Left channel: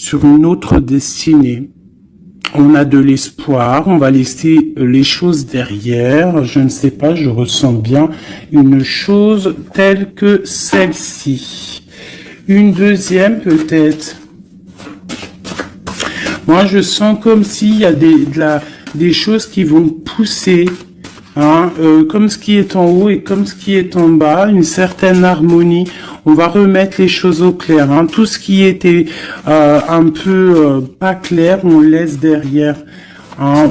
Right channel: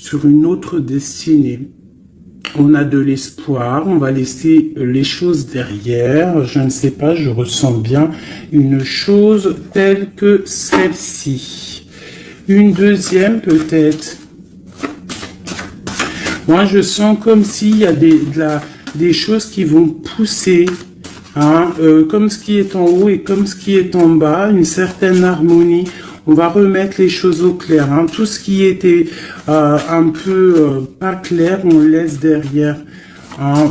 sur une autre destinée. On a de l'espoir, on va laisser les choses derrière. Je ne sais pas, je ressens bien une chose telle que celle-ci. Une deuxième peut-être. Moi, je sens comme s'il y a des choses qui vont pousser, hein, comme ce qui est en haut et comme ce qui est en bas, une certaine harmonie. On va remettre les choses au clair. Hein. Tout ce qui était un peu pas clair, on le laisse derrière. Hein.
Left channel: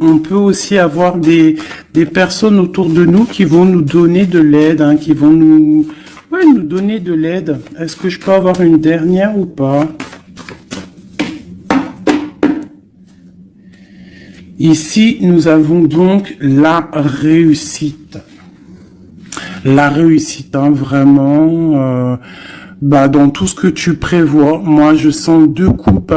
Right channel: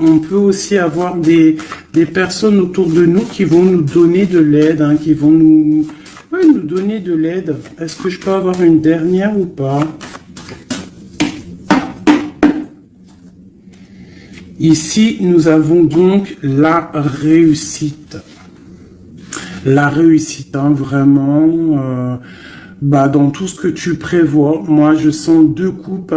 On peut aussi avoir des personnes autour de nous qui vont nous donner de l'aide, hein, qui vont nous donner de l'aide. Est-ce que je peux avoir une dernière ou pas? Ici, nous avons donc la réussite. La réussite, hein, vraiment, dans tout ce que tu prévois. Moi, je sens deux coupes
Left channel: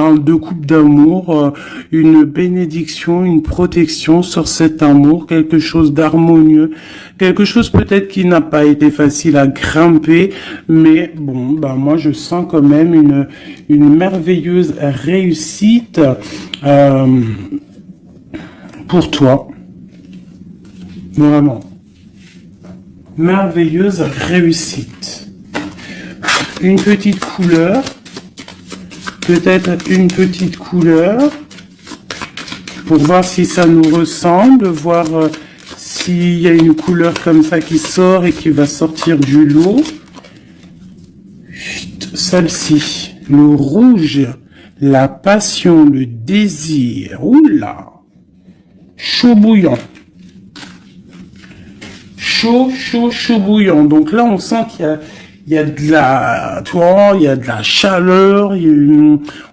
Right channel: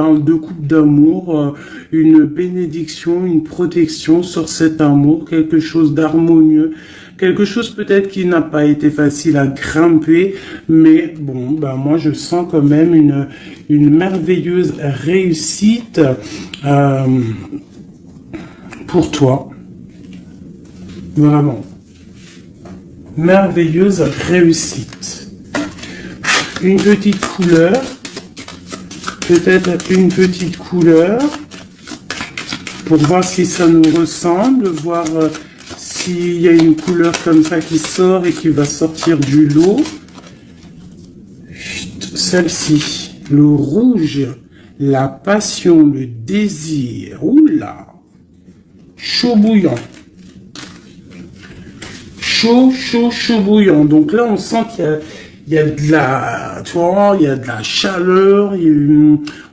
d'amour, une bénédiction, une protection sur cet amour, quelque chose d'harmonieux, quelque chose peut-être qui n'a pas été facile à grimper, mais bon, moi, je sens quand même une merveilleuse réussite, pour toi, vraiment, merveilleuse réussite. Une petite couleur, peut-être une petite couleur, pour voir si ça nous ressemble, voir s'il y a une couleur comme ça qui sort et qui va sortir du lot. Celle-ci, le rouge, la passion, le désir, oula. Chaud bouillant. Chaud bouillant. Donc là, on sent qu'il y a de la, tu vois, il y a de la chaleur,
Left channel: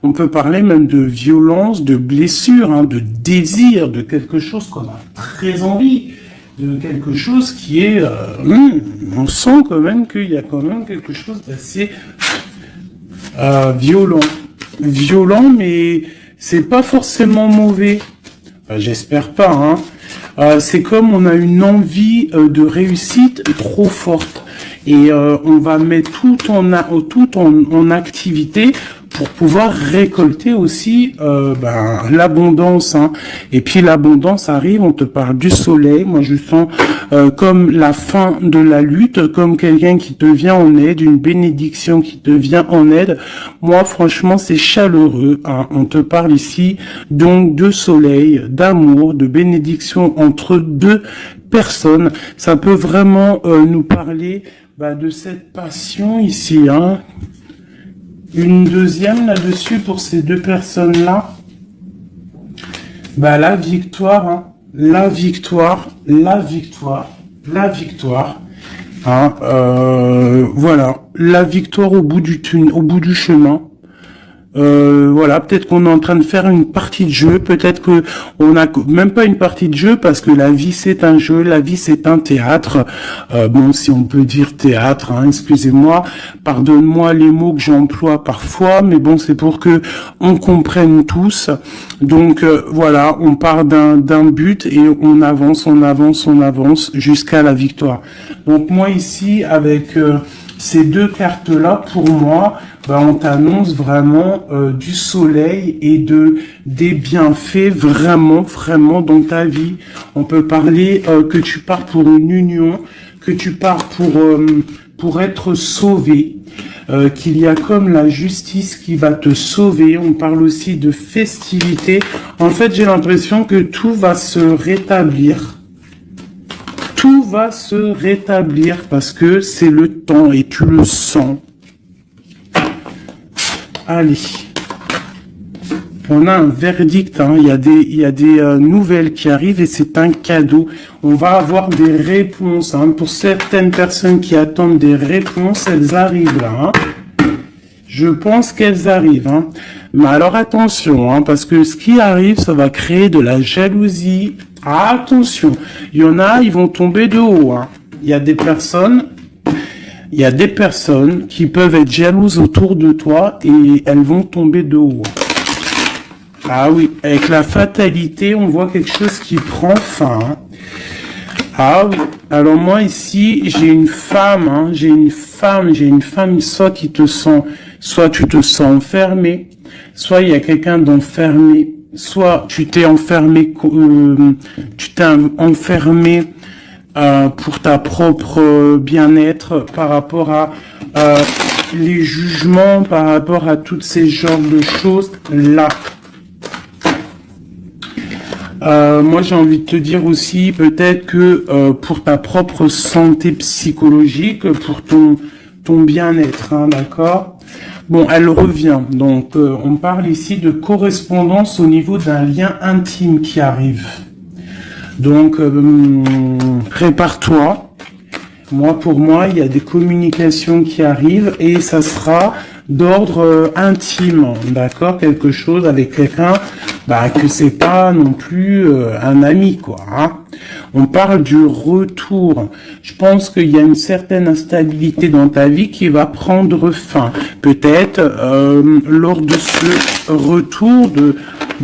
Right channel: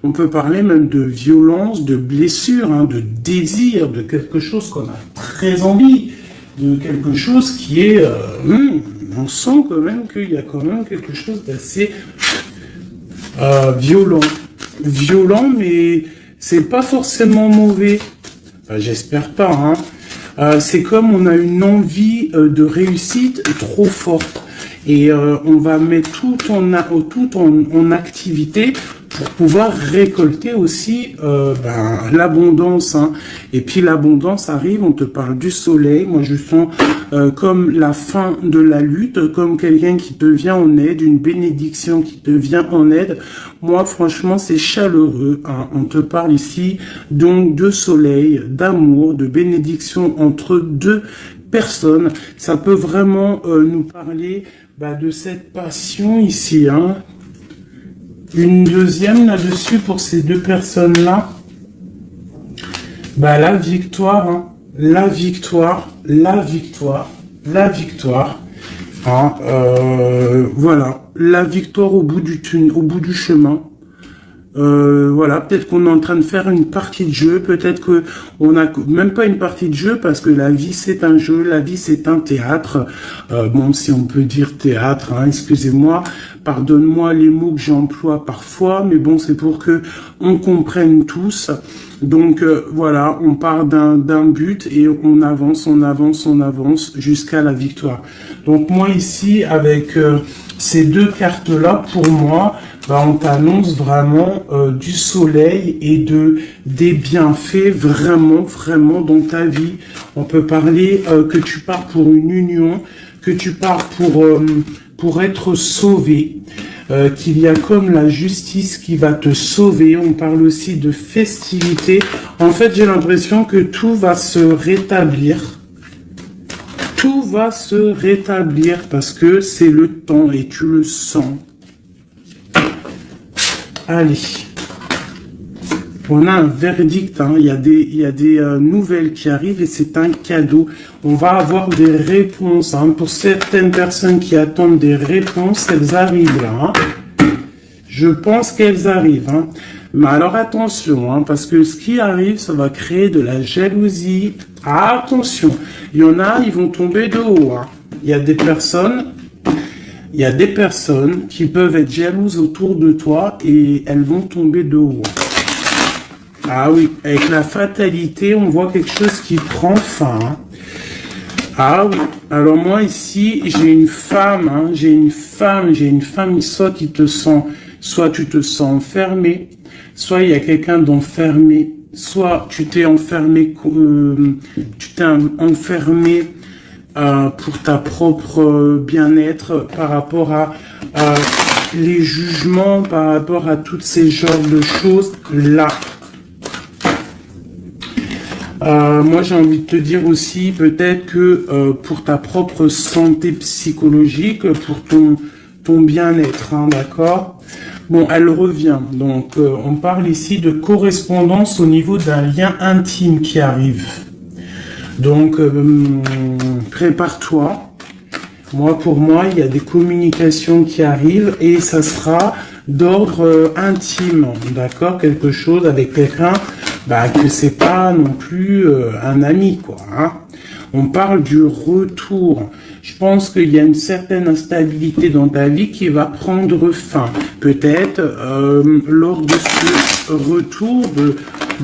on peut parler même de violence, de blessure, hein, de désir, de quelque chose qu'on a très envie, de quelque chose qui est, on sent quand même qu'il y a quand même quelque chose d'assez violent. Violent, mais c'est pas forcément mauvais. Enfin, j'espère pas, hein. C'est comme on a une envie de réussite trop forte. Et on va mettre tout en activité pour pouvoir récolter aussi l'abondance. Hein. Et puis l'abondance arrive, on te parle du soleil. Moi, je sens comme la fin de la lutte, comme quelqu'un qui te vient en aide, une bénédiction qui te vient en aide. Moi, franchement, c'est chaleureux. Hein. On te parle ici donc de soleil, d'amour, de bénédiction entre deux personnes. Ça peut vraiment nous parler de cette passion ici, hein. Une deuxième là-dessus pour ces deux personnes-là. La victoire, hein. La victoire. Hein, voilà, la victoire au bout du chemin. Voilà, peut-être qu'on est en train de faire une partie de jeu, peut-être que on n'a même pas une partie de jeu parce que la vie c'est un jeu, la vie c'est un théâtre. Bon, si on peut dire théâtre, hein, excusez-moi, pardonne-moi les mots que j'emploie parfois, mais bon, c'est pour que on comprenne tous. Donc voilà, on part d'un but et on avance jusqu'à la victoire. Donc moi ici avec ces deux cartes-là, pour moi, on t'annonce vraiment du soleil et des bienfaits vraiment dans ta vie. On peut parler que tu pars pour une union, que tu pars pour être sauvé, qu'il y a comme la justice qui va te sauver. On parle aussi de festivité. En fait, j'ai l'impression que tout va se rétablir. Tout va se rétablir parce que c'est le temps et tu le sens. Allez, on a un verdict, hein. Il y a des nouvelles qui arrivent et c'est un cadeau. On va avoir des réponses, hein. Pour certaines personnes qui attendent des réponses, elles arrivent là. Hein. Je pense qu'elles arrivent. Hein. Mais alors attention, hein, parce que ce qui arrive, ça va créer de la jalousie. Attention, il y en a, ils vont tomber de haut. Hein. Il y a des personnes qui peuvent être jalouses autour de toi et elles vont tomber de haut. Ah oui, avec la fatalité, on voit quelque chose qui prend fin. Hein. Ah oui, alors moi ici, j'ai une femme, soit qui te soit tu te sens enfermé, soit il y a quelqu'un d'enfermé, soit tu t'es enfermé, pour ta propre bien-être par rapport à les jugements, par rapport à toutes ces genres de choses là. Moi, j'ai envie de te dire aussi, peut-être que pour ta propre santé psychologique, pour ton bien-être, hein, d'accord? Bon, elle revient. Donc, on parle ici de correspondance au niveau d'un lien intime qui arrive. Donc, prépare-toi. Pour moi, il y a des communications qui arrivent et ça sera d'ordre intime, d'accord? Quelque chose avec quelqu'un, que c'est pas non plus un ami, quoi. Hein. On parle du retour. Je pense qu'il y a une certaine instabilité dans ta vie qui va prendre fin. Peut-être lors de ce retour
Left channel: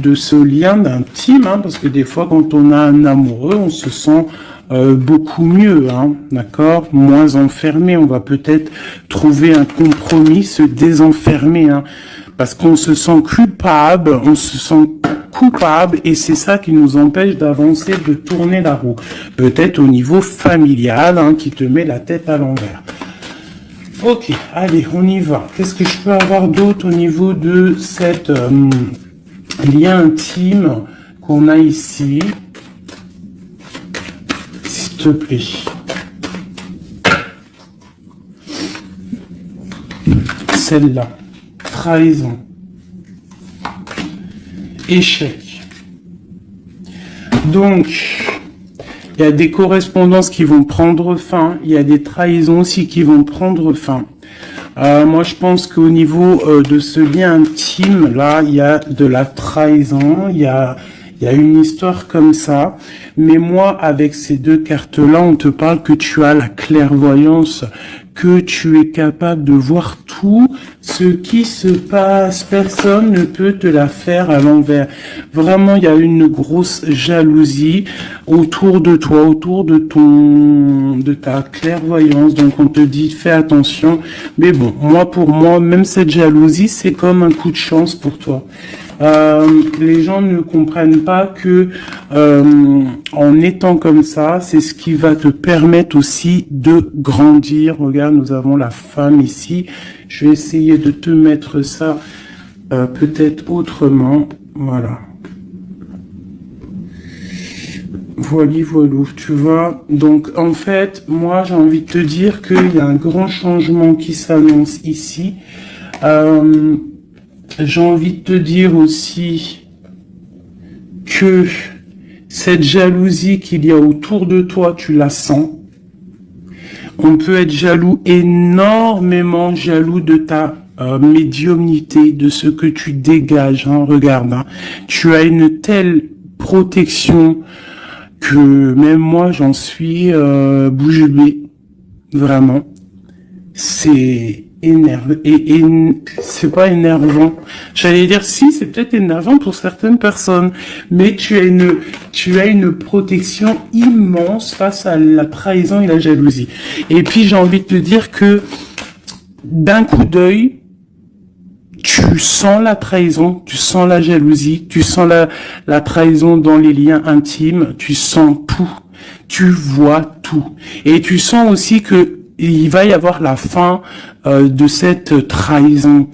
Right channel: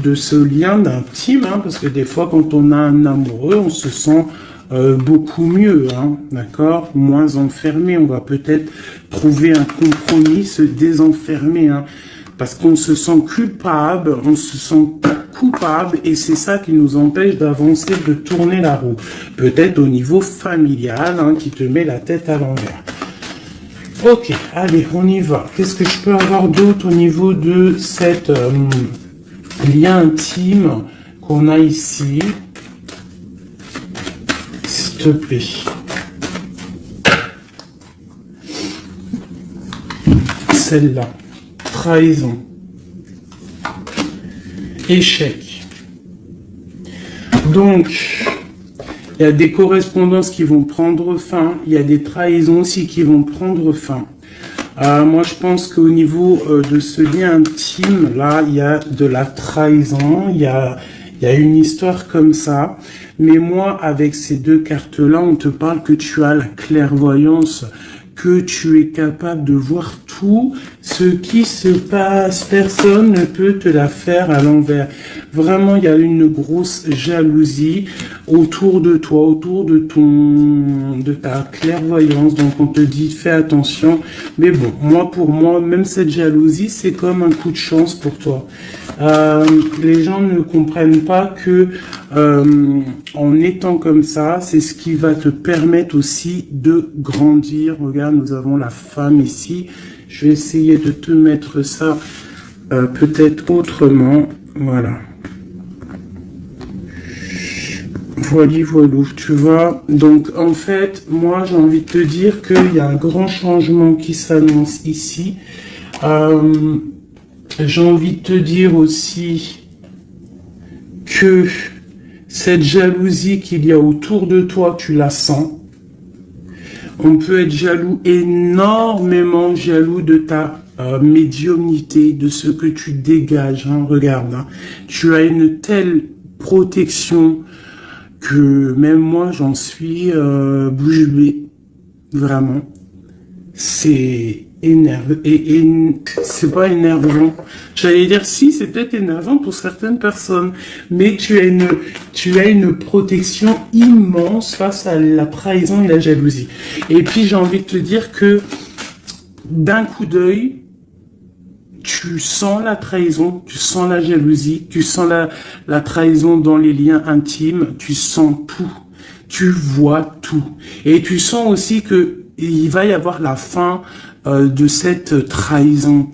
de ce lien d'intime, hein, parce que des fois, quand on a un amoureux, on se sent beaucoup mieux, hein, d'accord, moins enfermé. On va peut-être trouver un compromis, se désenfermer, hein, parce qu'on se sent coupable, et c'est ça qui nous empêche d'avancer, de tourner la roue. Peut-être au niveau familial, hein, qui te met la tête à l'envers. Ok, allez, on y va. Qu'est-ce que je peux avoir d'autre au niveau de cette lien intime qu'on a ici? S'il te plaît. Celle-là. Trahison. Échec. Donc, il y a des correspondances qui vont prendre fin. Il y a des trahisons aussi qui vont prendre fin. Moi, je pense qu'au niveau de ce lien intime, là, il y a de la trahison. Il y a une histoire comme ça. Mais moi, avec ces deux cartes-là, on te parle que tu as la clairvoyance, que tu es capable de voir tout ce qui se passe. Personne ne peut te la faire à l'envers. Vraiment, il y a une grosse jalousie autour de toi, autour de ta clairvoyance. Donc, on te dit, fais attention. Mais bon, pour moi, même cette jalousie, c'est comme un coup de chance pour toi. Les gens ne comprennent pas que en étant comme ça, c'est ce qui va te permettre aussi de grandir. Regarde, nous avons la femme ici. Je vais essayer de te mettre ça peut-être autrement. Voilà. Voilà, tu vois. Donc, en fait, moi, j'ai envie de te dire qu'il y a un grand changement qui s'annonce ici. J'ai envie de te dire aussi que cette jalousie qu'il y a autour de toi, tu la sens. On peut être jaloux, énormément jaloux de ta médiumnité, de ce que tu dégages. Hein, regarde, hein. Tu as une telle protection que même moi, j'en suis bouche bée. Vraiment. C'est énervé et c'est pas énervant. J'allais dire si, c'est peut-être énervant pour certaines personnes, mais tu as une protection immense face à la trahison et la jalousie. Et puis j'ai envie de te dire que d'un coup d'œil, tu sens la trahison, tu sens la jalousie, tu sens la trahison dans les liens intimes, tu sens tout, tu vois tout. Et tu sens aussi que il va y avoir la fin de cette trahison.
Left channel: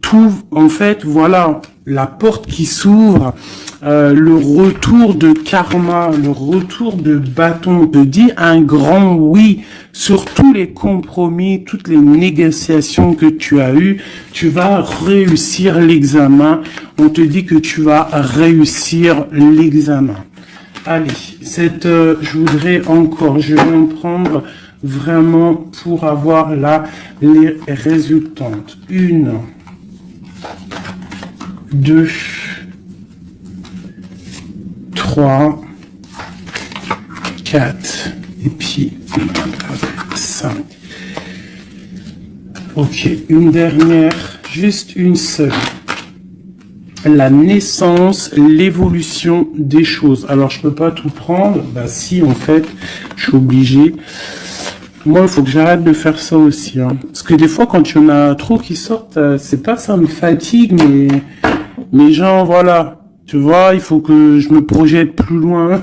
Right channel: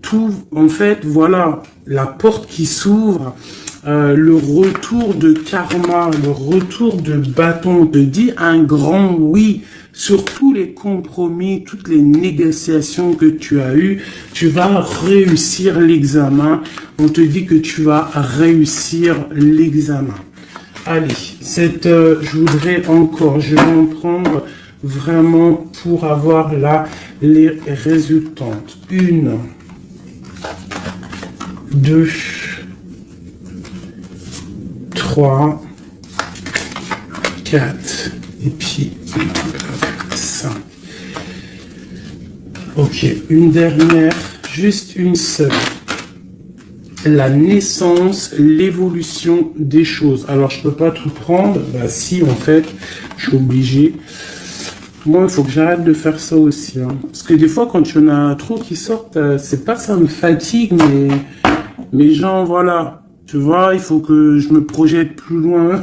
Tout, en fait, voilà, la porte qui s'ouvre, le retour de karma, le retour de bâton, on te dit un grand oui sur tous les compromis, toutes les négociations que tu as eues. Tu vas réussir l'examen. On te dit que tu vas réussir l'examen. Allez, je voudrais encore, je vais en prendre vraiment pour avoir là les résultantes. 1, 2, 3, 4, et puis 5. Ok, une dernière, juste une seule. La naissance, l'évolution des choses. Alors, je peux pas tout prendre. Bah si, en fait, je suis obligé. Moi, il faut que j'arrête de faire ça aussi, hein. Parce que des fois, quand il y en a trop qui sortent, c'est pas ça me fatigue, mais genre, voilà. Tu vois, il faut que je me projette plus loin.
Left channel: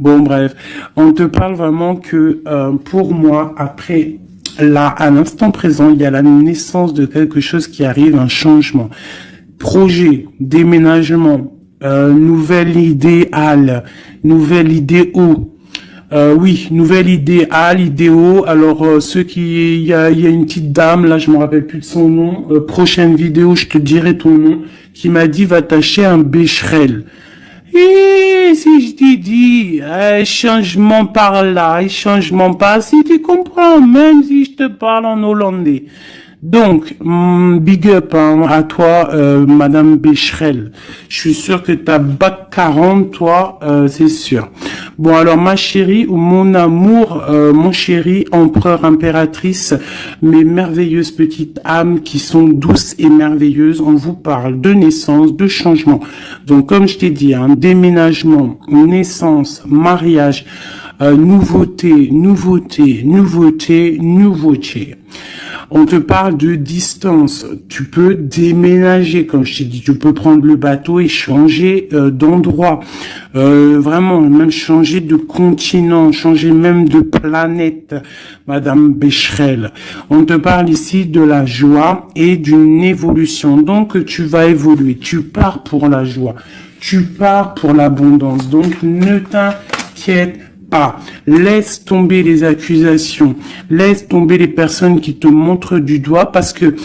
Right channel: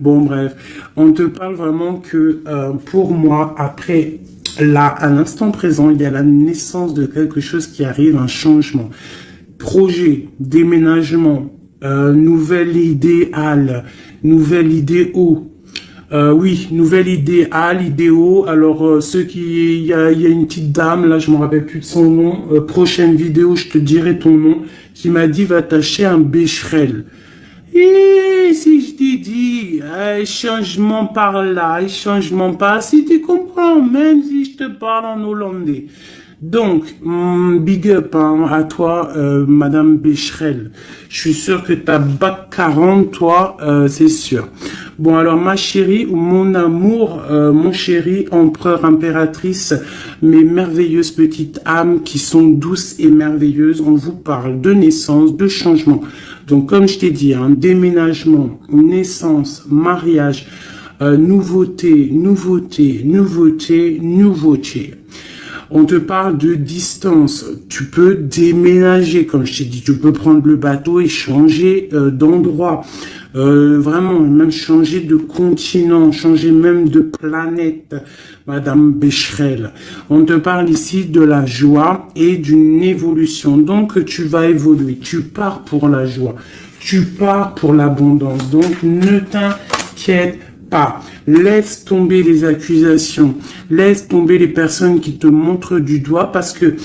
Bon, bref. On te parle vraiment que, pour moi, après, là, à l'instant présent, il y a la naissance de quelque chose qui arrive, un changement. Projet, déménagement, nouvelle idéale, nouvelle idéo. Oui, nouvelle idéale, idéo. Alors, il y a une petite dame, là, je me rappelle plus de son nom. Prochaine vidéo, je te dirai ton nom, qui m'a dit, va t'acheter un Becherel. Et si je t'ai dit, changement par là, changement par si tu comprends, même si je te parle en hollandais. Donc, big up hein, à toi, Madame Becherel. Je suis sûr que t'as bac 40, toi, c'est sûr. Bon, alors, ma chérie, ou mon amour, mon chéri, empereur, impératrice, mes merveilleuses petites âmes qui sont douces et merveilleuses, on vous parle de naissance, de changement. Donc, comme je t'ai dit, hein, déménagement, naissance, mariage, nouveauté, nouveauté, nouveauté, nouveauté. On te parle de distance. Tu peux déménager, comme je t'ai dit. Tu peux prendre le bateau et changer d'endroit. Vraiment, même changer de continent, changer même de planète, Madame Becherel. On te parle ici de la joie et d'une évolution. Donc, tu vas évoluer. Tu pars pour la joie. Tu pars pour l'abondance. Donc, ne t'inquiète pas. Laisse tomber les accusations, laisse tomber les personnes qui te montrent du doigt parce que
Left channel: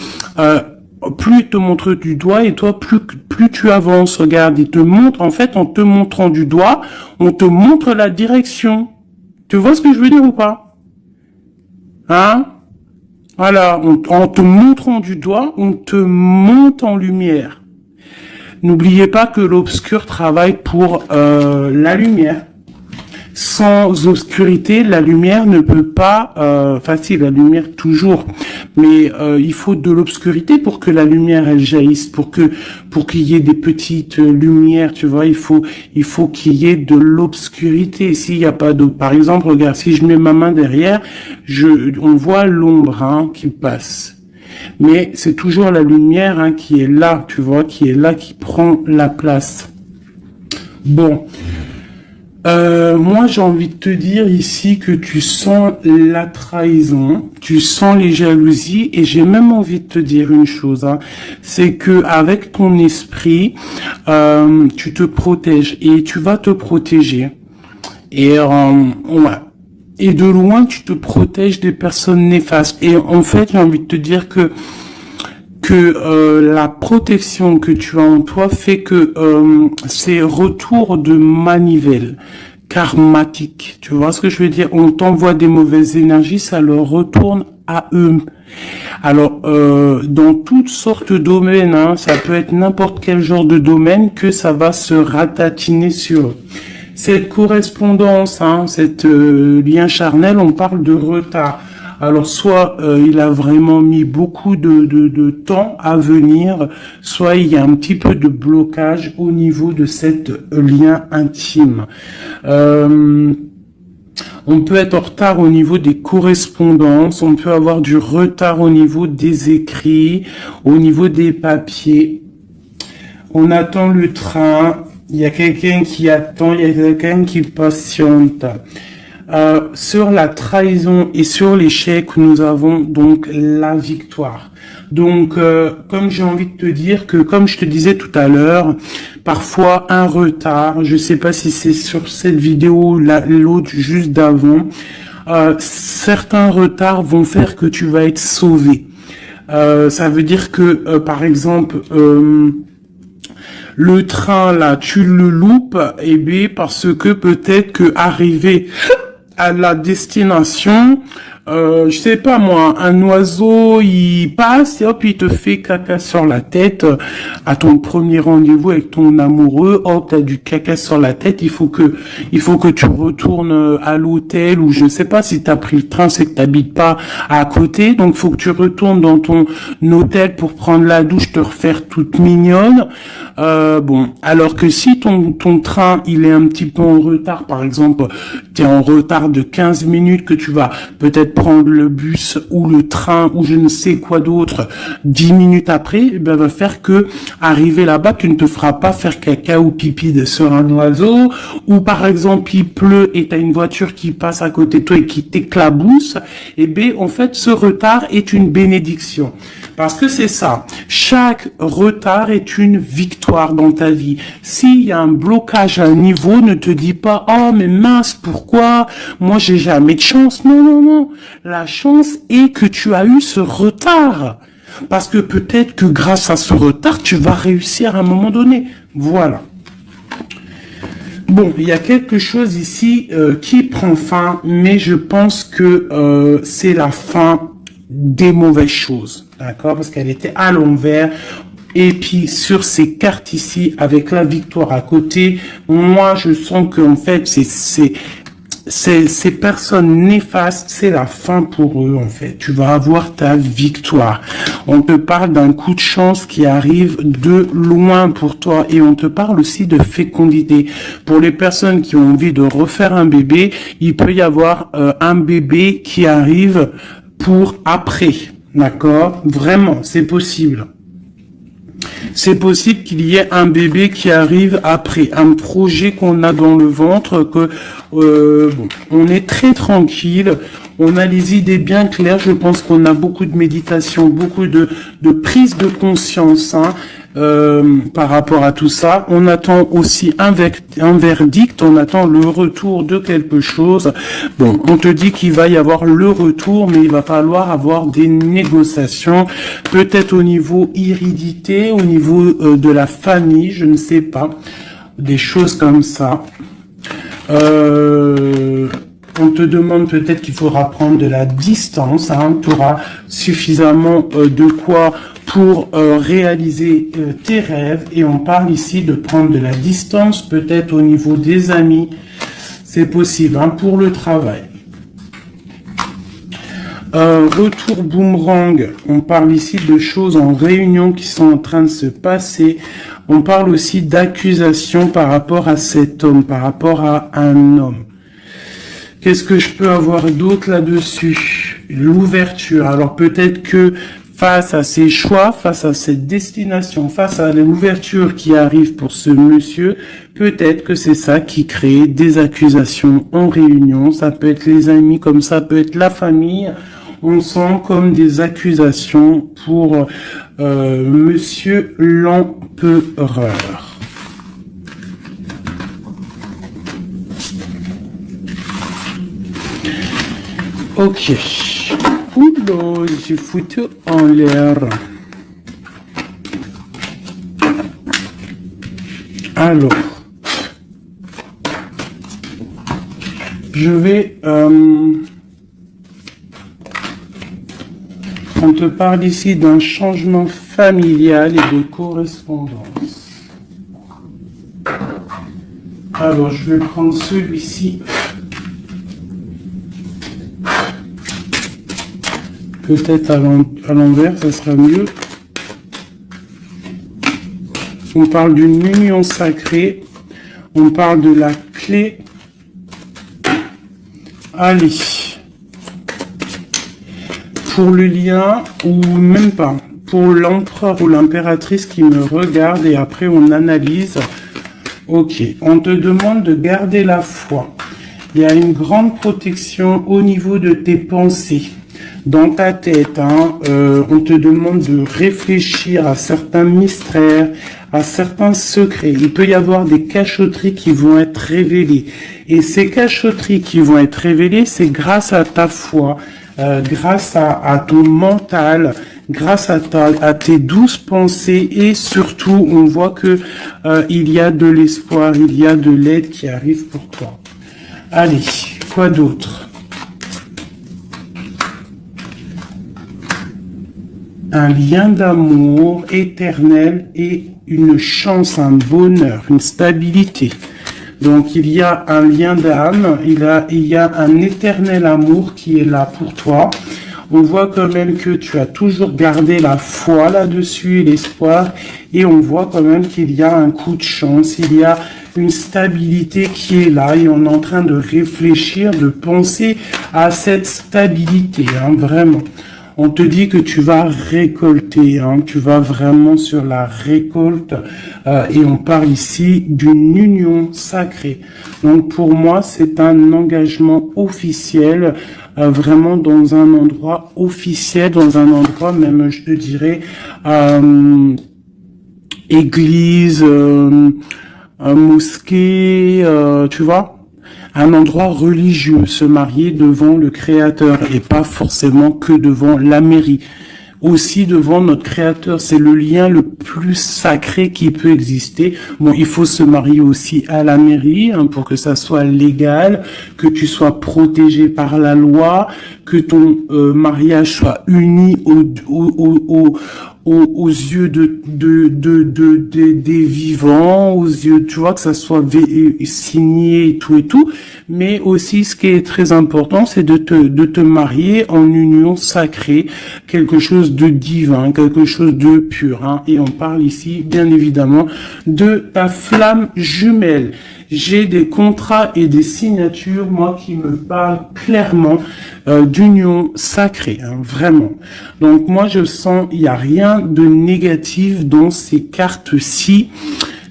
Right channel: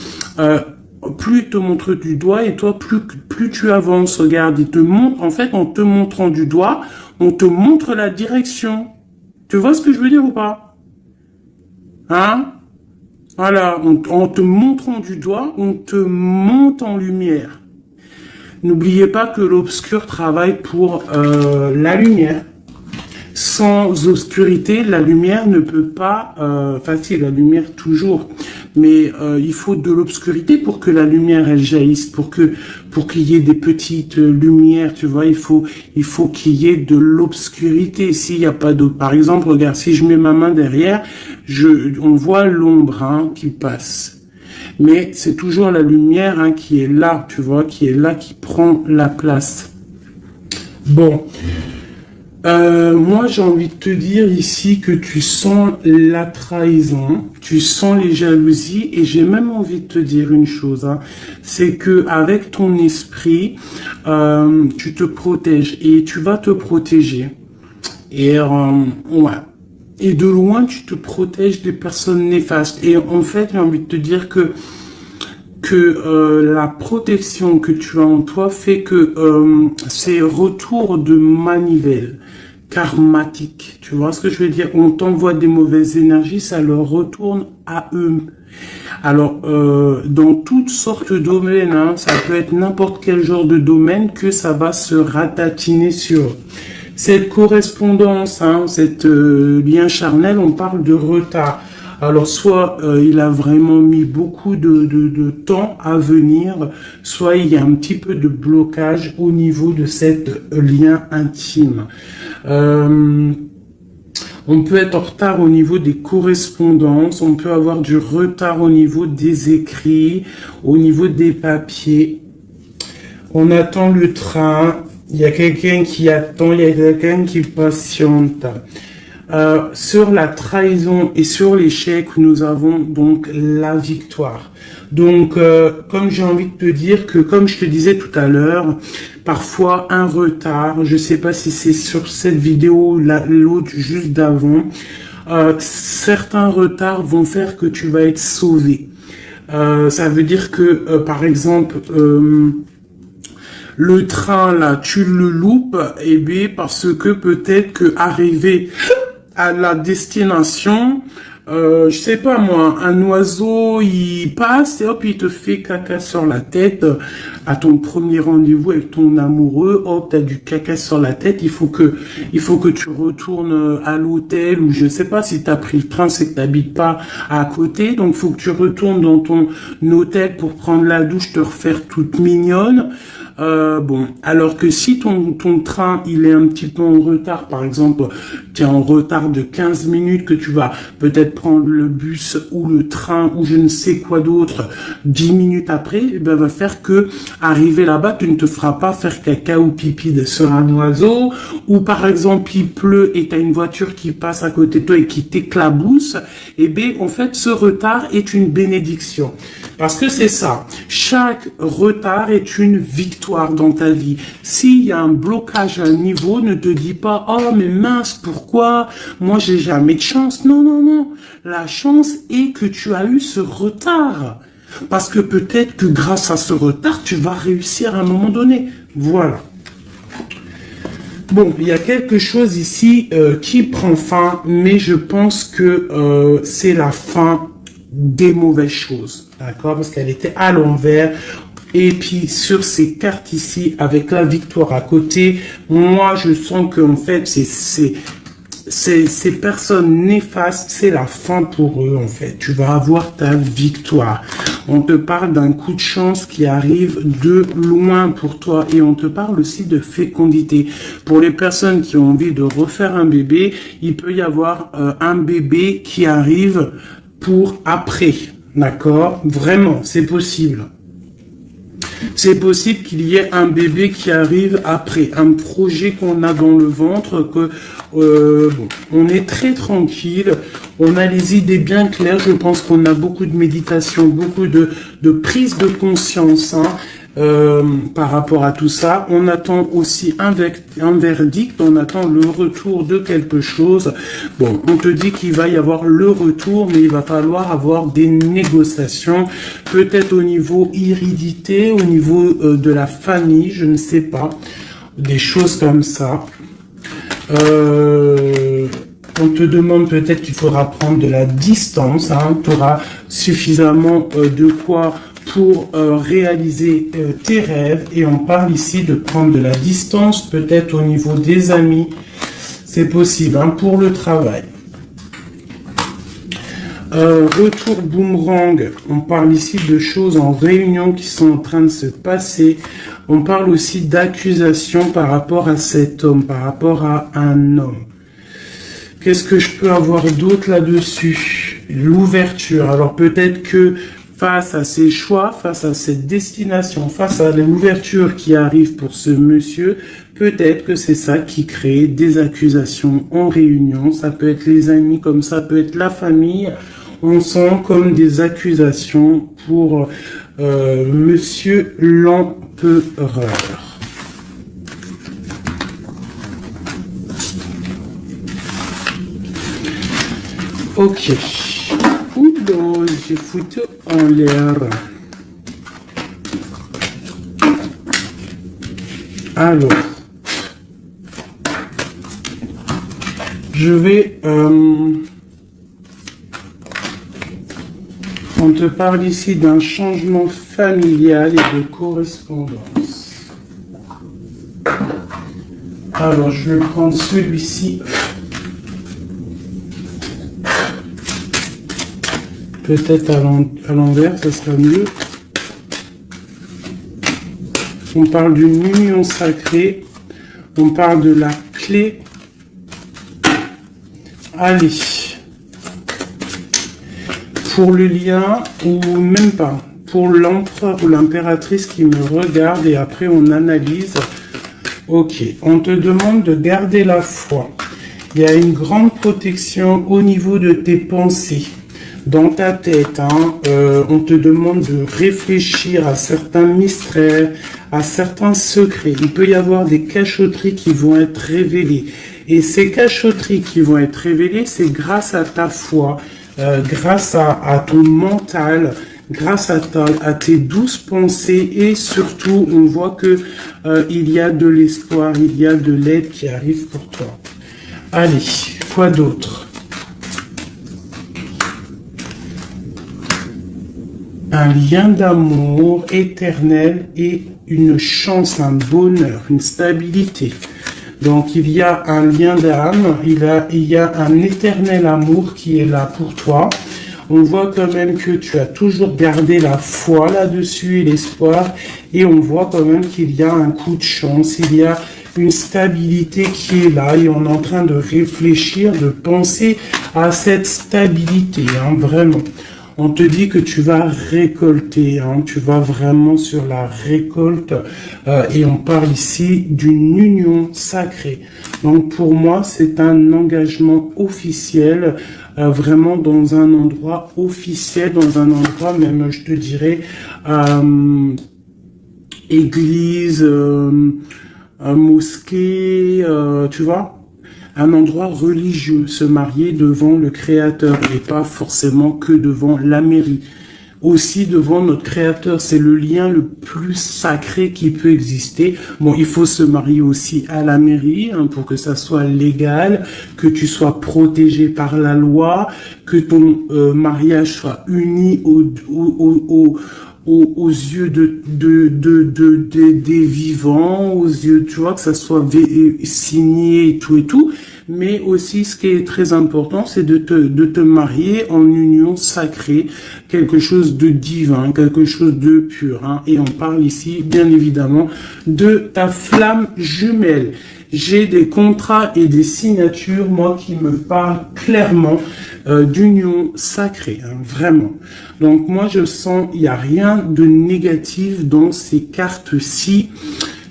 plus ils te montrent du doigt et toi plus tu avances. Regarde, ils te montrent, en fait en te montrant du doigt, on te montre la direction. Tu vois ce que je veux dire ou pas? Hein? Voilà, en te montrant du doigt, on te monte en lumière. N'oubliez pas que l'obscur travaille pour la lumière. Sans obscurité, la lumière ne peut pas, si la lumière toujours, mais il faut de l'obscurité pour que la lumière elle jaillisse, pour qu'il y ait des petites lumières, tu vois, il faut qu'il y ait de l'obscurité. S'il n'y a pas de, par exemple, regarde, si je mets ma main derrière, on voit l'ombre hein, qui passe. Mais c'est toujours la lumière hein, qui est là, tu vois, qui est là, qui prend la place. Bon. Moi, j'ai envie de te dire ici que tu sens la trahison, tu sens les jalousies, et j'ai même envie de te dire une chose, hein, c'est que avec ton esprit, tu te protèges et tu vas te protéger. Et ouais. Et de loin, tu te protèges des personnes néfastes. Et en fait, j'ai envie de te dire que la protection que tu as en toi fait que ces retours de manivelle karmatique, tu vois ce que je veux dire? On t'envoie des mauvaises énergies, ça leur retourne à eux. Alors, dans toutes sortes de domaines, hein, ça peut être n'importe quel genre de domaine que ça va se ratatiner sur. Cette correspondance, hein, cette lien charnel, on parle de retard. Alors soit il a vraiment mis beaucoup de temps à venir, soit il y a un petit peu de blocage au niveau de cette lien intime. On peut être en retard au niveau des correspondances, on peut avoir du retard au niveau des écrits, au niveau des papiers. On attend le train, il y a quelqu'un qui attend, il y a quelqu'un qui patiente. Sur la trahison et sur l'échec, nous avons donc la victoire. Donc, comme j'ai envie de te dire que, comme je te disais tout à l'heure, parfois un retard, je sais pas si c'est sur cette vidéo, l'autre juste d'avant, certains retards vont faire que tu vas être sauvé. Ça veut dire que, par exemple, le train là, tu le loupes, et bien parce que peut-être que arrivé à la destination, je sais pas moi, un oiseau il passe et hop il te fait caca sur la tête à ton premier rendez-vous avec ton amoureux, hop t'as du caca sur la tête, il faut que tu retournes à l'hôtel, ou je sais pas, si t'as pris le train c'est que t'habites pas à côté, donc faut que tu retournes dans ton hôtel pour prendre la douche, te refaire toute mignonne. Bon, alors que si ton train il est un petit peu en retard, par exemple, tu es en retard de 15 minutes, que tu vas peut-être prendre le bus ou le train ou je ne sais quoi d'autre 10 minutes après, eh ben, va faire que arriver là-bas, tu ne te feras pas faire caca ou pipi sur un oiseau, ou par exemple il pleut et tu as une voiture qui passe à côté de toi et qui t'éclabousse, eh bien en fait ce retard est une bénédiction. Parce que c'est ça, chaque retard est une victoire dans ta vie. S'il y a un blocage à un niveau, ne te dis pas « Oh mais mince, pourquoi? Moi j'ai jamais de chance. » Non, non, non. La chance est que tu as eu ce retard. Parce que peut-être que grâce à ce retard, tu vas réussir à un moment donné. Voilà. Bon, il y a quelque chose ici qui prend fin, mais je pense que c'est la fin des mauvaises choses. D'accord? Parce qu'elle était à l'envers. Et puis, sur ces cartes ici, avec la victoire à côté, moi, je sens qu'en fait, ces personnes néfastes, c'est la fin pour eux, en fait. Tu vas avoir ta victoire. On te parle d'un coup de chance qui arrive de loin pour toi. Et on te parle aussi de fécondité. Pour les personnes qui ont envie de refaire un bébé, il peut y avoir un bébé qui arrive pour après. D'accord? Vraiment, c'est possible. C'est possible qu'il y ait un bébé qui arrive après, un projet qu'on a dans le ventre, que bon, on est très tranquille, on a les idées bien claires, je pense qu'on a beaucoup de méditation, beaucoup de prise de conscience, hein, par rapport à tout ça. On attend aussi un verdict, on attend le retour de quelque chose. Bon, on te dit qu'il va y avoir le retour, mais il va falloir avoir des négociations, peut-être au niveau hérédité, au niveau de la famille, je ne sais pas, des choses comme ça. On te demande peut-être qu'il faudra prendre de la distance, hein, tu auras suffisamment de quoi pour réaliser tes rêves, et on parle ici de prendre de la distance, peut-être au niveau des amis, c'est possible, hein, pour le travail. Retour boomerang, on parle ici de choses en réunion qui sont en train de se passer, on parle aussi d'accusations par rapport à cet homme, par rapport à un homme. Qu'est-ce que je peux avoir d'autre là-dessus? L'ouverture, alors peut-être que face à ses choix, face à cette destination, face à l'ouverture qui arrive pour ce monsieur, peut-être que c'est ça qui crée des accusations en réunion. Ça peut être les amis, comme ça peut être la famille. On sent comme des accusations pour monsieur l'empereur. Ok. Oula, j'ai foutu en l'air. Alors, je vais... on te parle ici d'un changement familial et de correspondance. Alors, je vais prendre celui-ci. Peut-être à l'envers, ce sera mieux. On parle d'une union sacrée. On parle de la clé. Allez. Pour le lien, ou même pas. Pour l'empereur ou l'impératrice qui me regarde, et après on analyse. Ok. On te demande de garder la foi. Il y a une grande protection au niveau de tes pensées. Dans ta tête, hein, on te demande de réfléchir à certains mystères, à certains secrets. Il peut y avoir des cachotteries qui vont être révélées. Et ces cachotteries qui vont être révélées, c'est grâce à ta foi, grâce à ton mental, grâce à tes douces pensées, et surtout, on voit que il y a de l'espoir, il y a de l'aide qui arrive pour toi. Allez, quoi d'autre? Un lien d'amour éternel et une chance, un bonheur, une stabilité. Donc il y a un lien d'âme, il y a un éternel amour qui est là pour toi. On voit quand même que tu as toujours gardé la foi là-dessus et l'espoir. Et on voit quand même qu'il y a un coup de chance, il y a une stabilité qui est là. Et on est en train de réfléchir, de penser à cette stabilité, hein, vraiment. On te dit que tu vas récolter, hein, tu vas vraiment sur la récolte, et on parle ici d'une union sacrée. Donc pour moi, c'est un engagement officiel, vraiment dans un endroit officiel, dans un endroit même, je te dirais, église, mosquée, tu vois, un endroit religieux, se marier devant le Créateur et pas forcément que devant la mairie. Aussi devant notre Créateur, c'est le lien le plus sacré qui peut exister. Bon, il faut se marier aussi à la mairie, hein, pour que ça soit légal, que tu sois protégé par la loi, que ton mariage soit uni aux yeux des vivants, aux yeux, tu vois, que ça soit signé et tout. Mais aussi, ce qui est très important, c'est de te marier en union sacrée, quelque chose de divin, quelque chose de pur, hein. Et on parle ici, bien évidemment, de ta flamme jumelle. J'ai des contrats et des signatures, moi, qui me parlent clairement d'union sacrée, hein, vraiment. Donc, moi, je sens, il n'y a rien de négatif dans ces cartes-ci.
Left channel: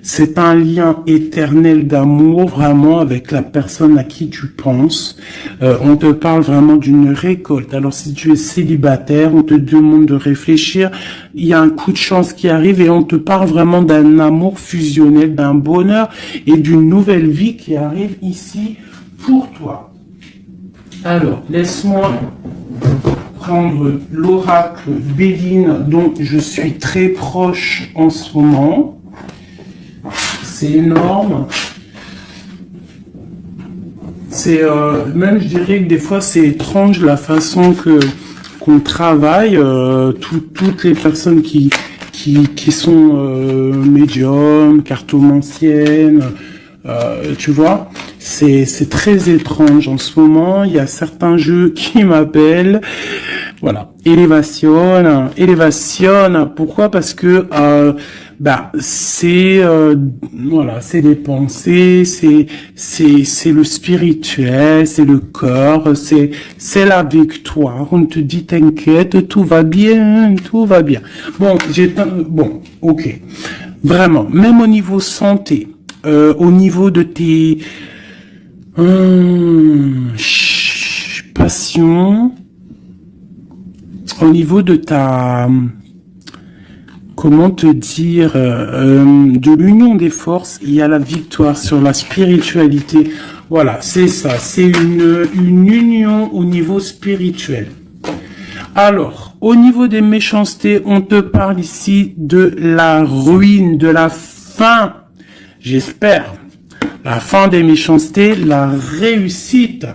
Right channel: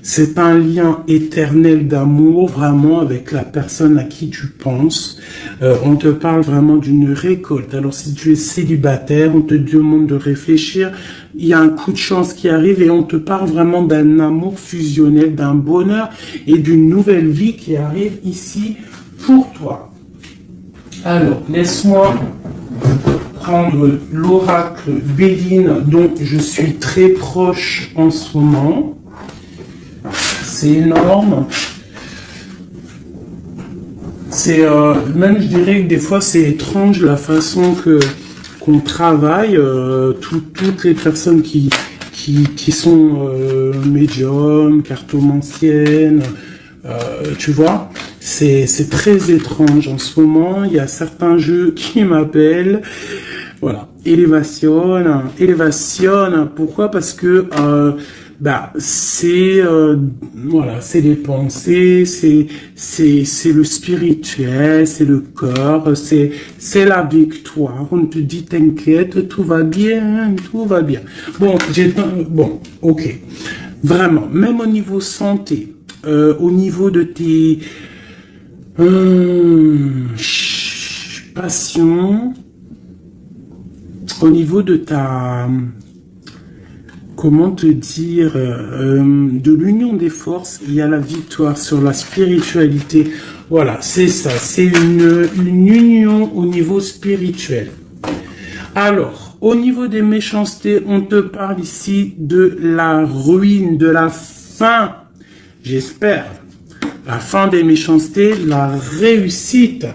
C'est un lien éternel d'amour, vraiment, avec la personne à qui tu penses. On te parle vraiment d'une récolte. Alors, si tu es célibataire, on te demande de réfléchir. Il y a un coup de chance qui arrive et on te parle vraiment d'un amour fusionnel, d'un bonheur et d'une nouvelle vie qui arrive ici pour toi. Alors, laisse-moi prendre l'oracle Béline dont je suis très proche en ce moment. C'est énorme. C'est même, je dirais que des fois c'est étrange la façon qu'on travaille. Toutes les personnes qui sont médiums, cartomanciennes, tu vois, c'est très étrange en ce moment. Il y a certains jeux qui m'appellent. Voilà, élévation. Pourquoi? Parce que c'est voilà, c'est les pensées, c'est le spirituel, c'est le corps, c'est la victoire. On te dit t'inquiète, tout va bien, tout va bien. Bon, ok, vraiment, même au niveau santé, au niveau de tes passions, au niveau de ta comment te dire, de l'union des forces, il y a la victoire sur la spiritualité. Voilà, c'est ça, c'est une union au niveau spirituel. Alors, au niveau des méchancetés, on te parle ici de la ruine, de la fin, j'espère, la fin des méchancetés, la réussite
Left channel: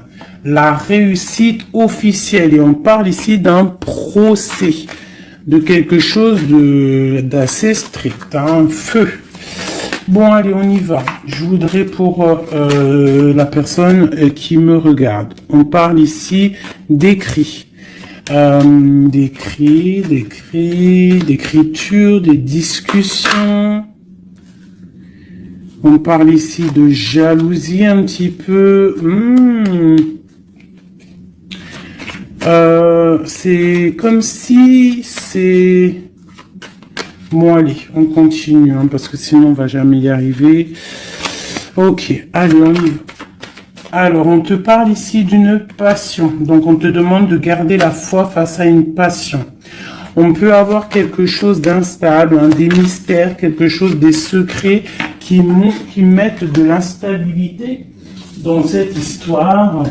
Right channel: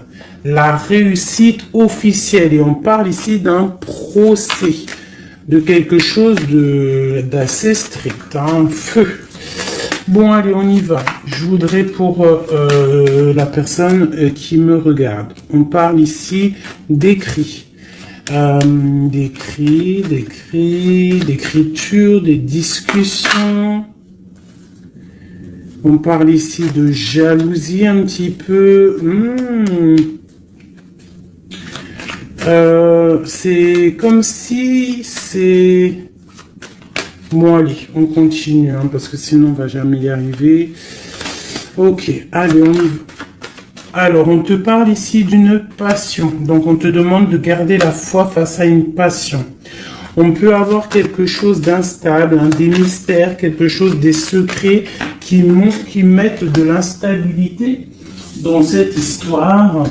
officielle. Et on parle ici d'un procès, de quelque chose d'assez strict, hein, feu. Bon, allez, on y va. Je voudrais pour la personne qui me regarde, on parle ici d'écrit. D'écriture, des discussions. On parle ici de jalousie un petit peu. C'est comme si c'est... Bon, allez, on continue, hein, parce que sinon on va jamais y arriver. Ok, allez, on y va. Alors, on te parle ici d'une passion. Donc, on te demande de garder la foi face à une passion. On peut avoir quelque chose d'instable, hein, des mystères, quelque chose, des secrets qui mettent de l'instabilité dans cette histoire.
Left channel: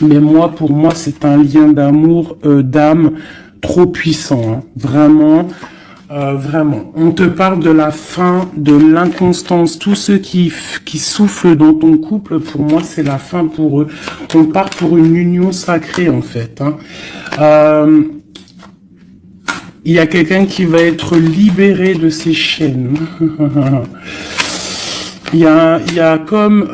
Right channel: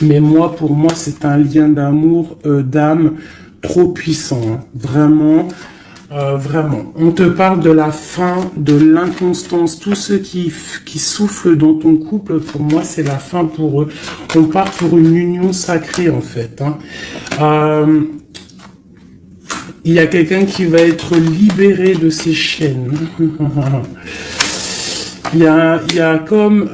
Mais moi, pour moi, c'est un lien d'amour, d'âme trop puissant. Hein. Vraiment, vraiment. On te parle de la fin, de l'inconstance. Tous ceux qui soufflent dans ton couple, pour moi, c'est la fin pour eux. On part pour une union sacrée, en fait. Hein. Il y a quelqu'un qui va être libéré de ses chaînes. Il y a comme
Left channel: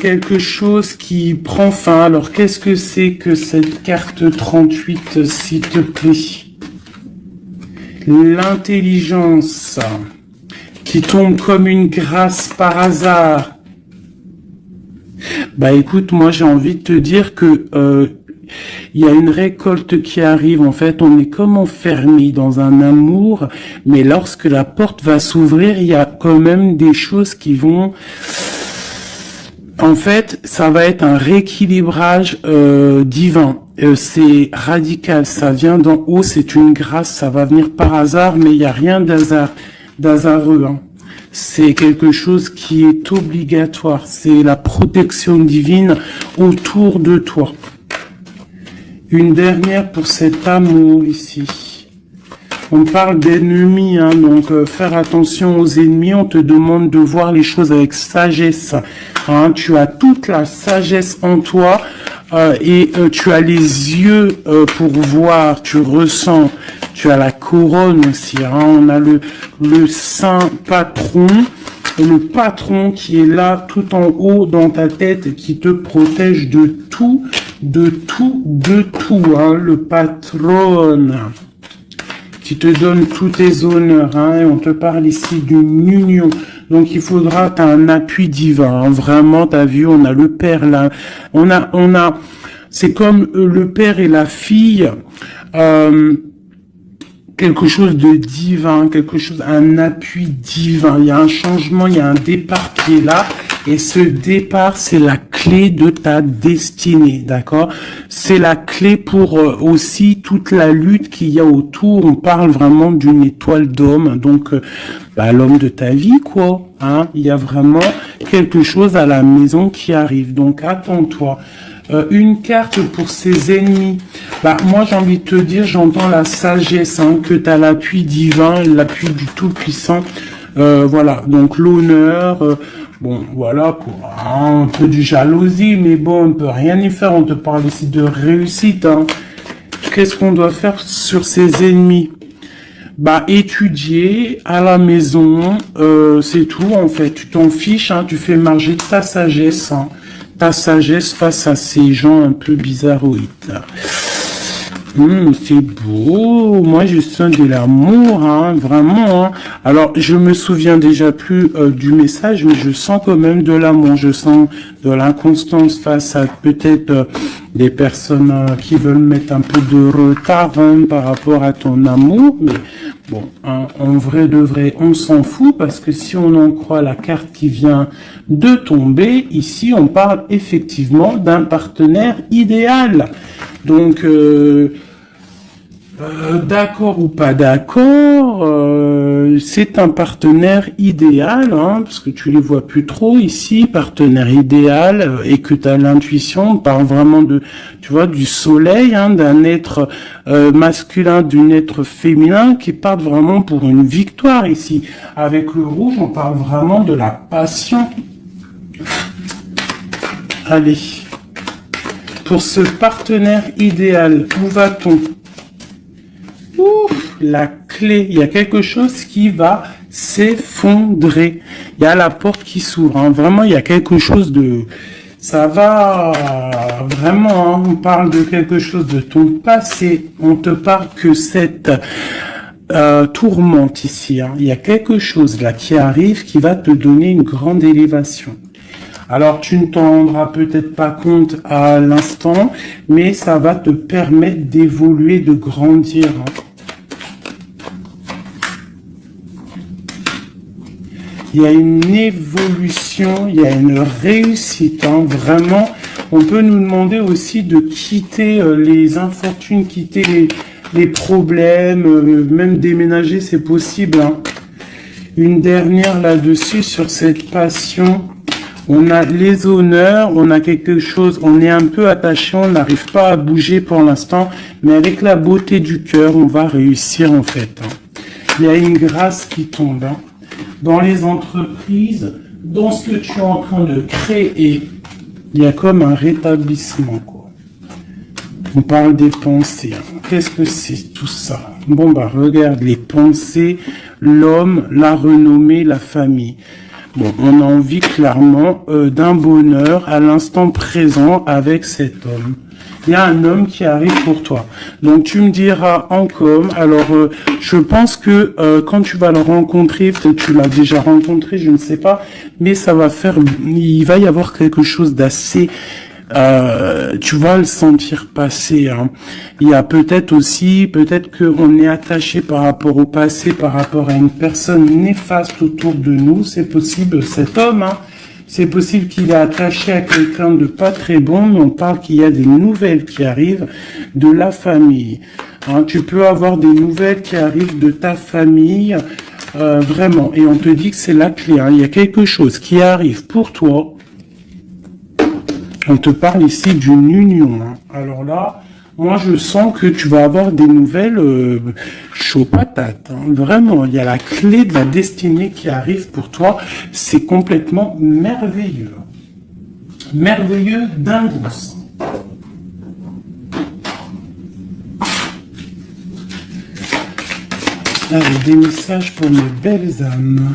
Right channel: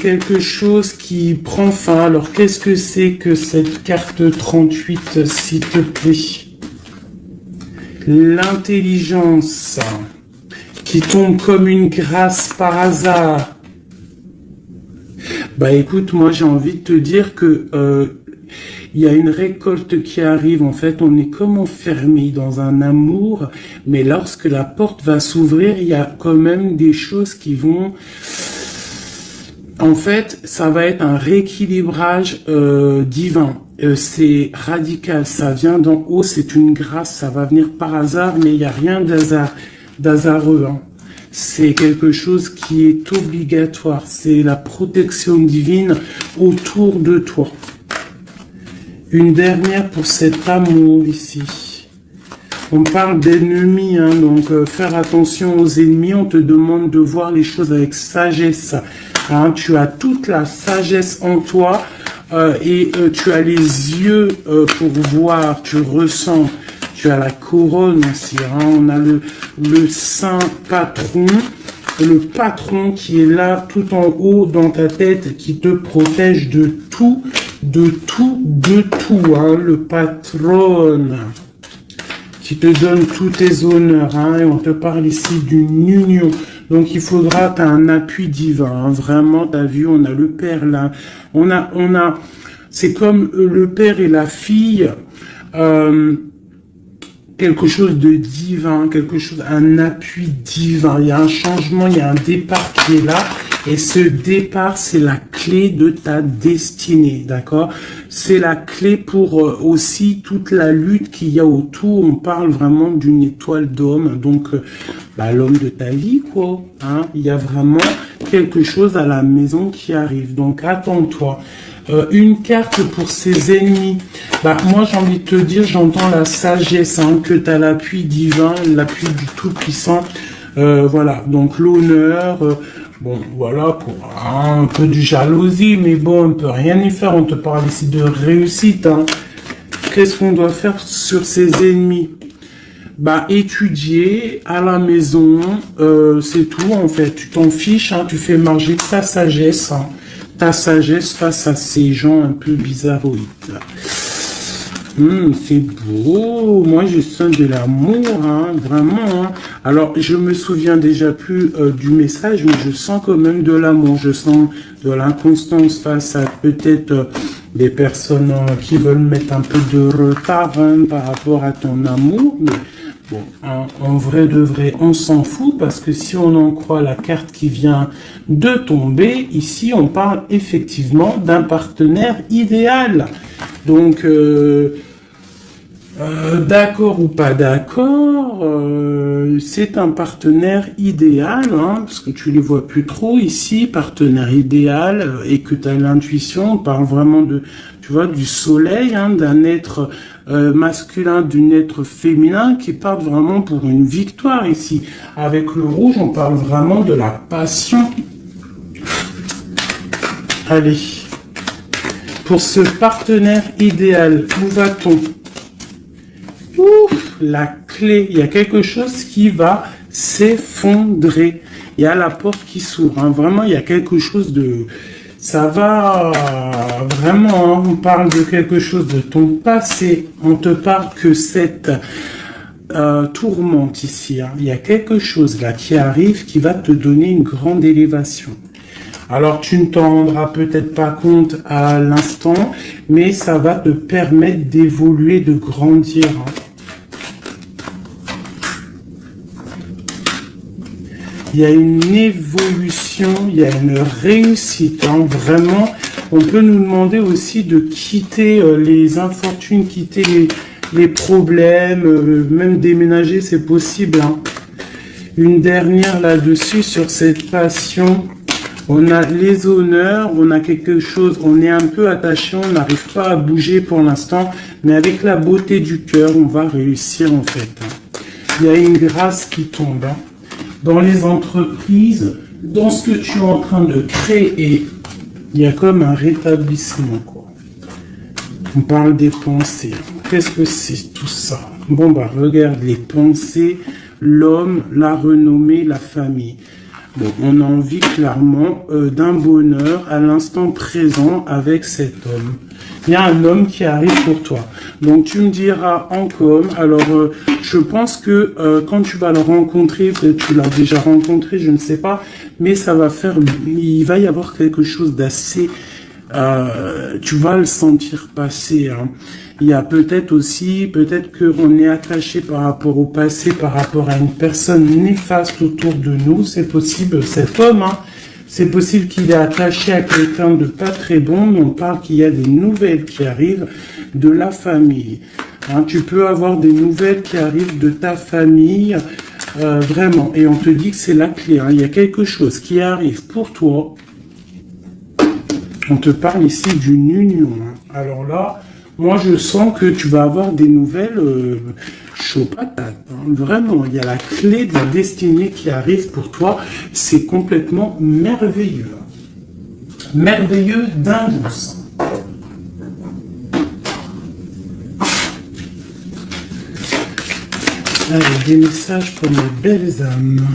quelque chose qui prend fin. Alors, qu'est-ce que c'est que cette carte 38, s'il te plaît? L'intelligence qui tombe comme une grâce par hasard. Bah écoute, moi j'ai envie de te dire que il y a une récolte qui arrive. En fait, on est comme enfermé dans un amour, mais lorsque la porte va s'ouvrir, il y a quand même des choses qui vont... En fait, ça va être un rééquilibrage divin. C'est radical, ça vient d'en haut, c'est une grâce, ça va venir par hasard, mais il n'y a rien d'hasardeux. Hein. C'est quelque chose qui est obligatoire. C'est la protection divine autour de toi. Une dernière pour cet amour ici. On parle d'ennemis, hein, donc faire attention aux ennemis. On te demande de voir les choses avec sagesse. Hein, tu as toute la sagesse en toi et tu as les yeux pour voir, tu ressens. Tu as la couronne aussi. Hein, on a le saint patron. Le patron qui est là tout en haut dans ta tête, qui te protège de tout, hein, le patron qui te donne tous tes honneurs, hein, et on te parle ici d'une union. Donc il faudra, t'as un appui divin, hein, vraiment, t'as vu, on a le père là, on a, c'est comme le père et la fille, quelque chose de divin, quelque chose, un appui divin. Il y a un changement, il y a un départ qui est là. Et ce départ, c'est la clé de ta destinée, d'accord? C'est la clé pour aussi toute la lutte qu'il y a autour. On parle vraiment d'une étoile d'homme, donc l'homme de ta vie, quoi. Hein? Il y a vraiment quelque chose à la maison qui arrive. Donc attends-toi. Une carte pour ses ennemis. Moi, j'ai envie de te dire, j'entends la sagesse, hein, que tu as l'appui divin, l'appui du Tout-Puissant. Voilà, donc l'honneur, bon, voilà, pour un peu de jalousie, mais bon, on peut rien y faire. On te parle ici de réussite. Hein. Qu'est-ce qu'on doit faire sur ses ennemis? Étudier à la maison, c'est tout, en fait. Tu t'en fiches, hein, tu fais marger ta sagesse, hein. Ta sagesse face à ces gens un peu bizarroïdes. C'est beau, moi je sens de l'amour, hein, vraiment. Hein. Alors je me souviens déjà plus du message, mais je sens quand même de l'amour, je sens de l'inconstance face à peut-être des personnes qui veulent mettre un peu de retard, hein, par rapport à ton amour. Mais bon, hein, en vrai de vrai, on s'en fout parce que si on en croit la carte qui vient de tomber, ici on parle effectivement d'un partenaire idéal. Donc, d'accord ou pas d'accord, c'est un partenaire idéal, hein, parce que tu les vois plus trop ici, partenaire idéal, et que tu as l'intuition, on parle vraiment de, tu vois, du soleil, hein, d'un être masculin, d'un être féminin, qui part vraiment pour une victoire ici. Avec le rouge, on parle vraiment de la passion. Allez. Pour ce partenaire idéal, où va-t-on? La clé, il y a quelque chose qui va s'effondrer. Il y a la porte qui s'ouvre. Hein. Vraiment, il y a quelque chose de... Ça va vraiment, hein, on parle de quelque chose de ton passé. On te parle que cette tourmente ici. Hein. Il y a quelque chose là qui arrive qui va te donner une grande élévation. Alors, tu ne t'en rendras peut-être pas compte à l'instant, mais ça va te permettre d'évoluer, de grandir. Il y a une évolution, il y a une réussite. Hein. Vraiment, on peut nous demander aussi de quitter les infortunes, quitter les problèmes, même déménager, c'est possible. Hein. Une dernière là-dessus sur cette passion. On a les honneurs, on a quelque chose, on est un peu attaché, on n'arrive pas à bouger pour l'instant, mais avec la beauté du cœur, on va réussir en fait. Il y a une grâce qui tombe. Hein. Dans les entreprises, dans ce que tu es en train de créer, il y a comme un rétablissement, quoi. On parle des pensées. Qu'est-ce que c'est tout ça? Bon, regarde les pensées, l'homme, la renommée, la famille. Bon, on a envie clairement d'un bonheur à l'instant présent avec cet homme. Il y a un homme qui arrive pour toi. Donc tu me diras encore, alors je pense que quand tu vas le rencontrer, peut-être tu l'as déjà rencontré, je ne sais pas, mais ça va faire, il va y avoir quelque chose d'assez tu vas le sentir passer, hein. Il y a peut-être aussi, peut-être qu'on est attaché par rapport au passé, par rapport à une personne néfaste autour de nous. C'est possible, cet homme, hein. C'est possible qu'il est attaché à quelqu'un de pas très bon, mais on parle qu'il y a des nouvelles qui arrivent de la famille. Hein, tu peux avoir des nouvelles qui arrivent de ta famille, vraiment. Et on te dit que c'est la clé, hein. Il y a quelque chose qui arrive pour toi. On te parle ici d'une union, hein. Alors là, moi je sens que tu vas avoir des nouvelles chaud patate, hein. Vraiment, il y a la clé de la destinée qui arrive pour toi. C'est complètement merveilleux. Merveilleux d'indouce. Allez, des messages pour mes belles âmes.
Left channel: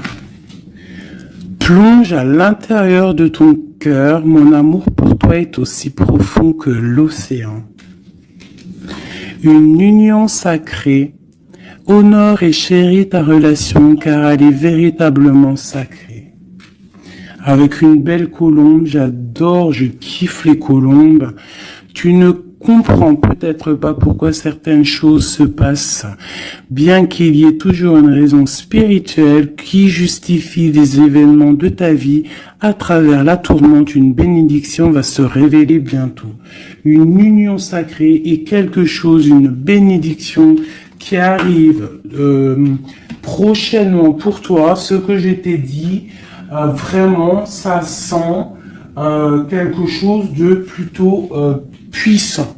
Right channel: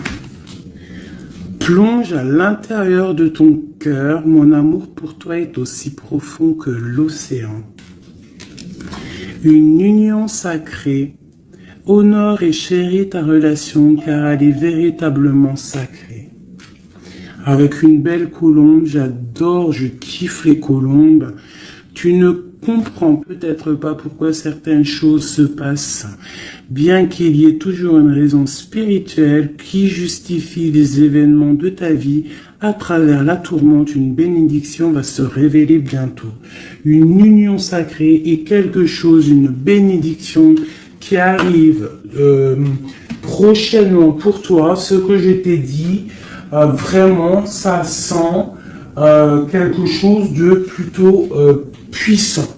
Plonge à l'intérieur de ton cœur. Mon amour pour toi est aussi profond que l'océan. Une union sacrée. Honore et chéris ta relation car elle est véritablement sacrée. Avec une belle colombe, j'adore, je kiffe les colombes. Tu ne comprends peut-être pas pourquoi certaines choses se passent, bien qu'il y ait toujours une raison spirituelle qui justifie les événements de ta vie. À travers la tourmente, une bénédiction va se révéler bientôt. Une union sacrée est quelque chose, une bénédiction qui arrive prochainement pour toi. Ce que je t'ai dit, vraiment, ça sent quelque chose de plutôt puissant.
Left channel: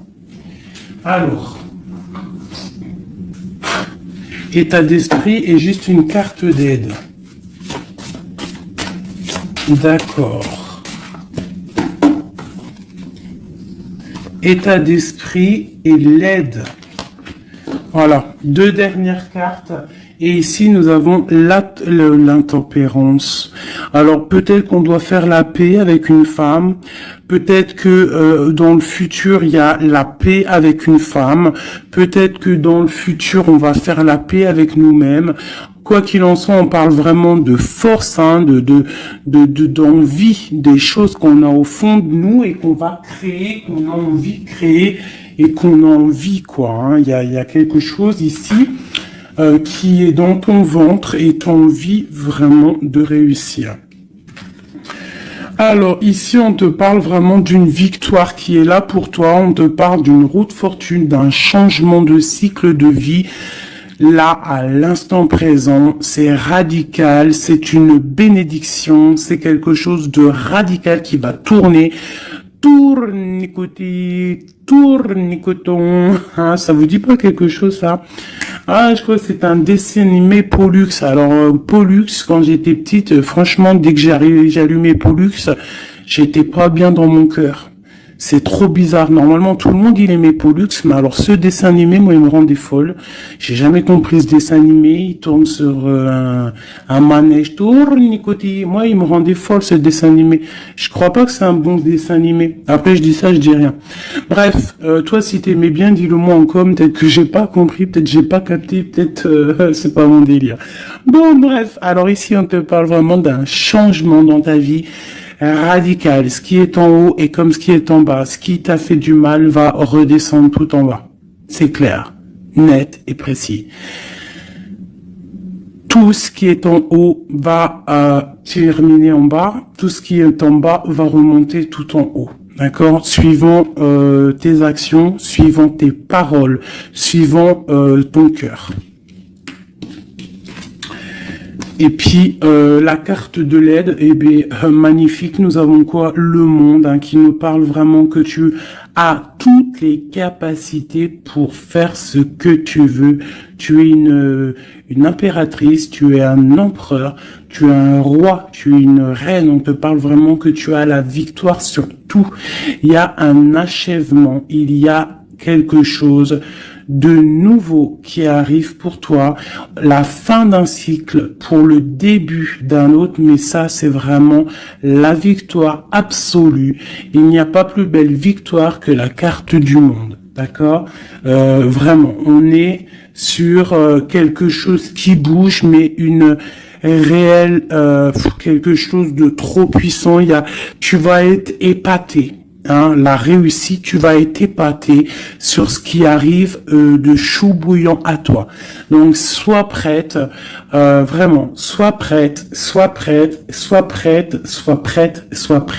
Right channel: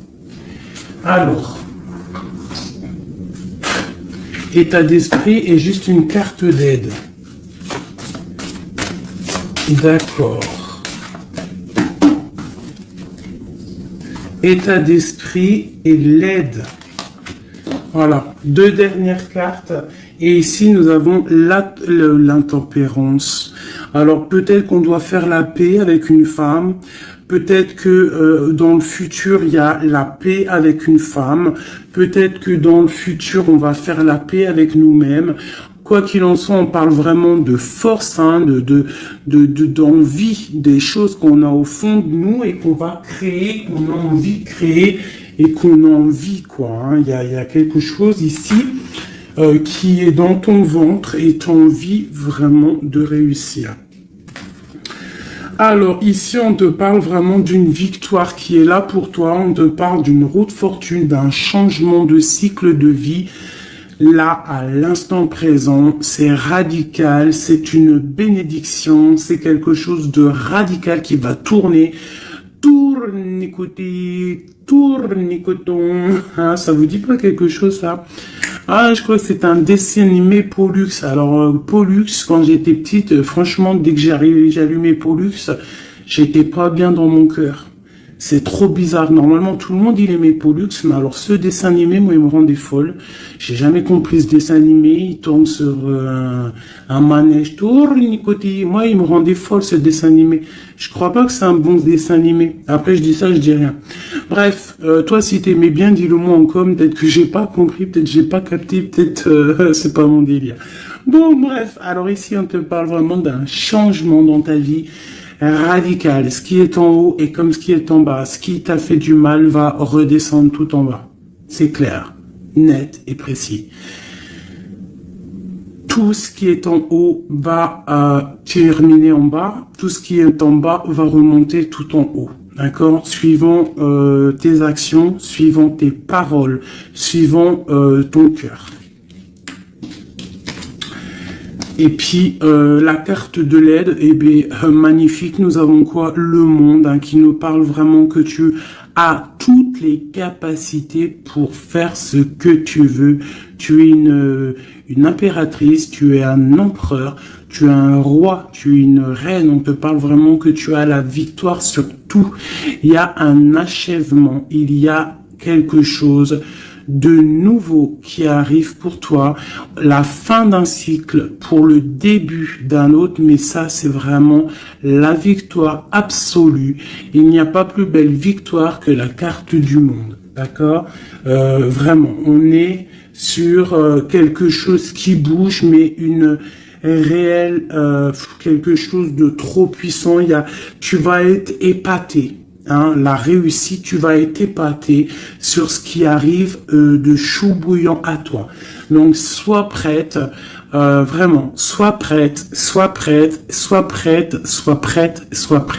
Alors, état d'esprit est juste une carte d'aide. D'accord. État d'esprit et l'aide. Voilà, deux dernières cartes. Et ici, nous avons l'intempérance. Alors, peut-être qu'on doit faire la paix avec une femme. Peut-être que dans le futur, il y a la paix avec une femme. Peut-être que dans le futur, on va faire la paix avec nous-mêmes. Quoi qu'il en soit, on parle vraiment de force, hein, d'envie, des choses qu'on a au fond de nous et qu'on va créer, qu'on a envie de créer et qu'on a envie, quoi. Hein. Il y a quelque chose ici qui est dans ton ventre et tu as envie vraiment de réussir. Alors, ici, on te parle vraiment d'une victoire qui est là pour toi. On te parle d'une route fortune, d'un changement de cycle de vie. Là, à l'instant présent, c'est radical, c'est une bénédiction, c'est quelque chose de radical qui va tourner. Tournicoton. Ah, ça vous dit pas quelque chose, ça? Ah, je crois que c'est un dessin animé Pollux. Alors, Pollux, quand j'étais petite, franchement, dès que j'allumais Pollux, j'étais pas bien dans mon cœur. C'est trop bizarre. Normalement, tout le monde, il aimait Pollux, mais alors ce dessin animé, moi, il me rendait folle. J'ai jamais compris ce dessin animé. Il tourne sur un manège. Tournicotis. Moi, il me rendait folle, ce dessin animé. Je crois pas que c'est un bon dessin animé. Après, je dis ça, je dis rien. Bref, toi, si t'aimais bien, dis-le moi en com. Peut-être que j'ai pas compris, peut-être j'ai pas capté, peut-être c'est pas mon délire. Bon, bref. Alors ici, on te parle vraiment d'un changement dans ta vie. Radical. Ce qui est en haut est comme ce qui est en bas. Ce qui t'a fait du mal va redescendre tout en bas. C'est clair, net et précis. Tout ce qui est en haut va terminer en bas. Tout ce qui est en bas va remonter tout en haut. D'accord? Suivant tes actions, suivant tes paroles, suivant ton cœur. Et puis, la carte de l'aide, eh bien, magnifique. Nous avons quoi? Le monde, hein, qui nous parle vraiment que tu as toutes les capacités pour faire ce que tu veux. Tu es une impératrice, tu es un empereur, tu es un roi, tu es une reine. On te parle vraiment que tu as la victoire sur tout. Il y a un achèvement, il y a quelque chose de nouveau qui arrive pour toi, la fin d'un cycle pour le début d'un autre, mais ça c'est vraiment la victoire absolue. Il n'y a pas plus belle victoire que la carte du monde, d'accord? Vraiment, on est sur quelque chose qui bouge, mais une réelle, quelque chose de trop puissant. Tu vas être épaté. hein, la réussite, tu vas être épaté sur ce qui arrive de chaud bouillant à toi. Donc, sois prête, vraiment, sois prête, sois prête, sois prête, sois prête, sois prête.